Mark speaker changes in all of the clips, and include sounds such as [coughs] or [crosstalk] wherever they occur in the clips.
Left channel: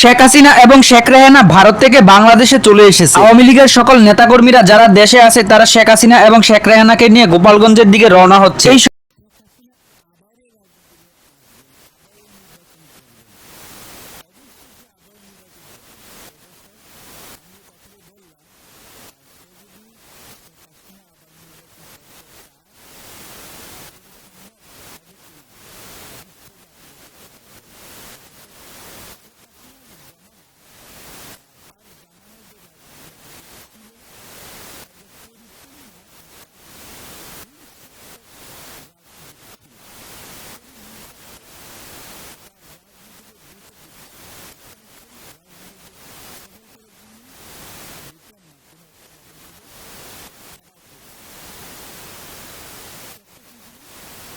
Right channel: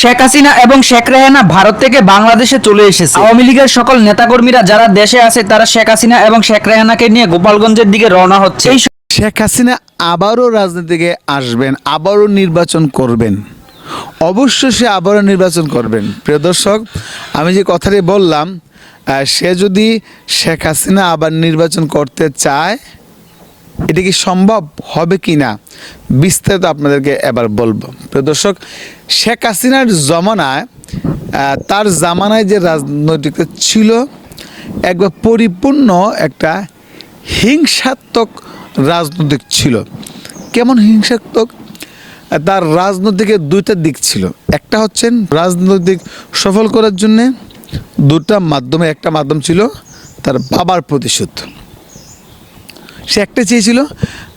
Speaker 1: শেখ হাসিনা এবং শেখ রেহানা ভারত থেকে বাংলাদেশে চলে এসেছে। আওয়ামী লীগের সকল নেতাকর্মীরা যারা দেশে আছে, তারা শেখ হাসিনা এবং শেখ রেহানাকে নিয়ে গোপালগঞ্জের দিকে রওনা হচ্ছে।
Speaker 2: শেখ হাসিনা আবারও রাজনীতিকে আসবেন, আবারও নির্বাচন করবেন। অবশ্যই সে আবারও নির্বাচন করবেন। প্রিয় দর্শক, আমি যে কথাটি বললাম সে যদি শেখ হাসিনা আবার নির্বাচন করতে চায় এটা কি সম্ভব? হবে কি না? বিস্তারিত আপনাদেরকে এবার বলব। প্রিয় দর্শক, শেখ হাসিনার জমানায় তার জামানায় যে রাজনৈতিক ছিল, একবার পরিপূর্ণ একটা হিংসাত্মক রাজনৈতিক ছিল। কেমন হিংসাত্মক? তার রাজনৈতিকের দুইটা দিক ছিল। একটা হচ্ছেন রাজনৈতিক সফল করার জন্যে, দুটা মাধ্যমে, একটা মাধ্যম ছিল তার বাবার প্রতিশোধ। সে একটা চেয়েছিল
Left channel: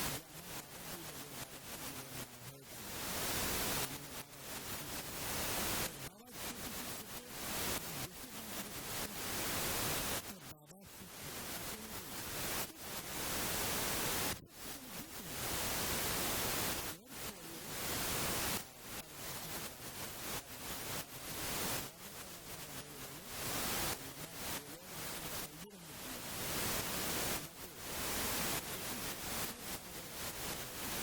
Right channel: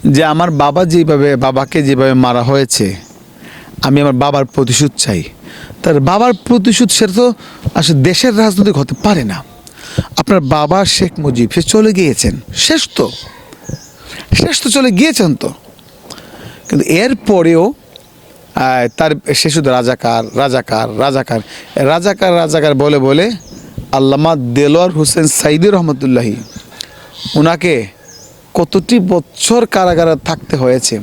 Speaker 2: যে আমার বাবা যেভাবে, বাবাকে যেভাবে মারা হয়েছে, আমি আমার বাবার প্রতিশোধ চাই। তার বাবার প্রতিশোধ সেটা তো আসলে দেশের রাজনৈতিক হতে পারে না। আপনার বাবা শেখ মুজিব, সে চলে গিয়েছেন। শেষ তো। শেষ তো চলে গিয়েছেন তো। কিন্তু এরপরেও তার সে শুধু রাজাকার রাজাকার রাজাকার রাজাকার রাজাকার বলে বলে আল্লামা দেলোয়ার হোসেন সাইদি রহমতুল্লাহি ওনাকে কতটি বছর কারাগারে থাকতে হয়েছে?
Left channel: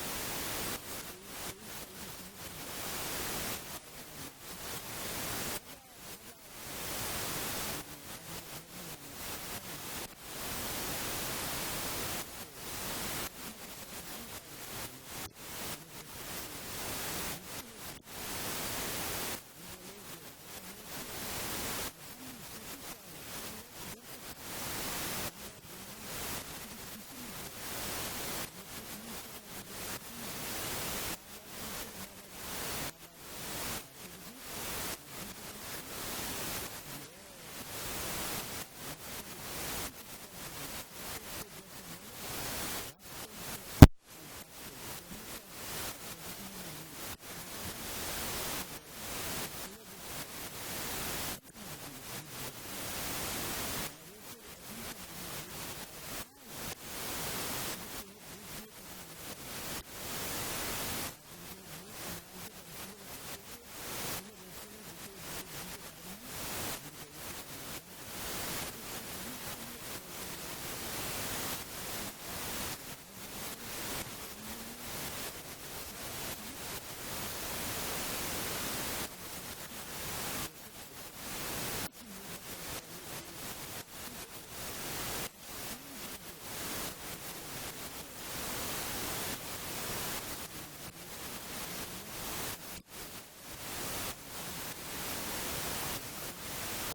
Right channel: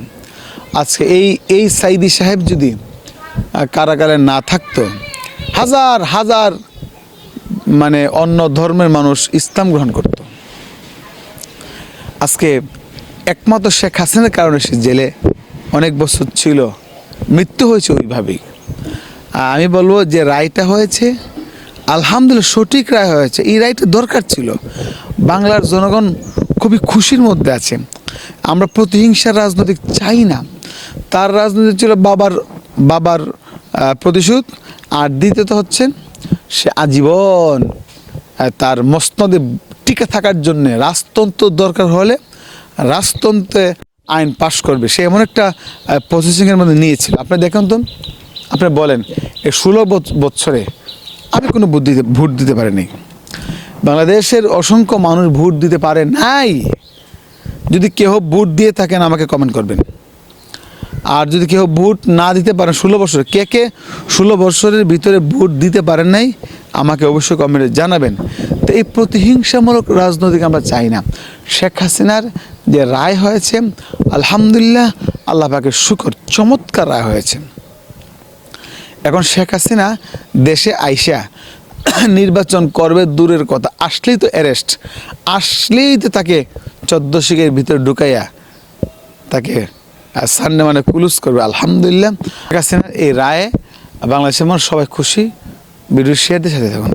Speaker 2: আজকে এই এই সাইদি সাহেব যদি কারাগারে না থাকতো, হাজার হাজার মানে অন্য ধর্মের মানুষ ইসলাম গ্রহণ করত। আজকে একমাত্র শেখ হাসিনার কারণে সে জেলে অনেক বছর ছিল, মৃত্যু হয়েছে ওইভাবেই। আমি বলব যে রায়টা হয়েছে, আলহামদুলিল্লাহ সঠিক রায় হয়েছে, এই রায়টা দরকার ছিল। বাংলার জনগণ খুবই খুশির মধ্যে আছে। আমরা প্রতিহিংসার রাজনৈতিক চাই না। তার রাজনীতি ছিল বাবার বাবার প্রতিশোধ। আর দ্বিতীয়ত হচ্ছেন সে আজীবন তার মসনদে টিকে থাকার জন্যে রাজতন্ত্র দরকার হলে রাজতন্ত্রে আইন পাশ করবে। সে এমন একটা প্রসেসিংয়ের মধ্যে নিয়েছিল। আপনি দেখুন তো, আপনি বলেন এই ষোলো বছরে আমি কোনো বুদ্ধি ভোট দিতে পারিনি। বাংলাদেশের অসংখ্য মানুষ ভোট দিতে পারে নাই। যদি কেউ ভোট দিয়ে থাকেন, আমাকে কমেন্ট করবেন। আর যদি কেউ ভোট না দিতে পারেন, ষোলো বছর, কে কে ষোলো বছরের ভিতরে ভোট দিতে পারেন নাই, আমাকে অবশ্যই কমেন্টে জানাবেন। তো এই প্রতিহিংসামূলক রাজনৈতিক আমরা চাই না। শেখ হাসিনার যে রায় হয়েছে, আলহামদুলিল্লাহ আল্লাহ পাকে শুকর, চমৎকার রায় হয়েছে। এখন শেখ হাসিনা দেশে আইসা [coughs] নির্বাচন করবে দূরের কথা। আসলেই তো অ্যারেস্ট আসলেই তো তাকে চোদ্দ শিখের ভিতরে ঢুকাইয়া তাকে সানডে মানে পুলুস করবে। আলহামদুলিল্লাহ। এই রায়ে বাংলাদেশের মানুষ সবাই খুশি। ভিডিও সাথে থাকুন।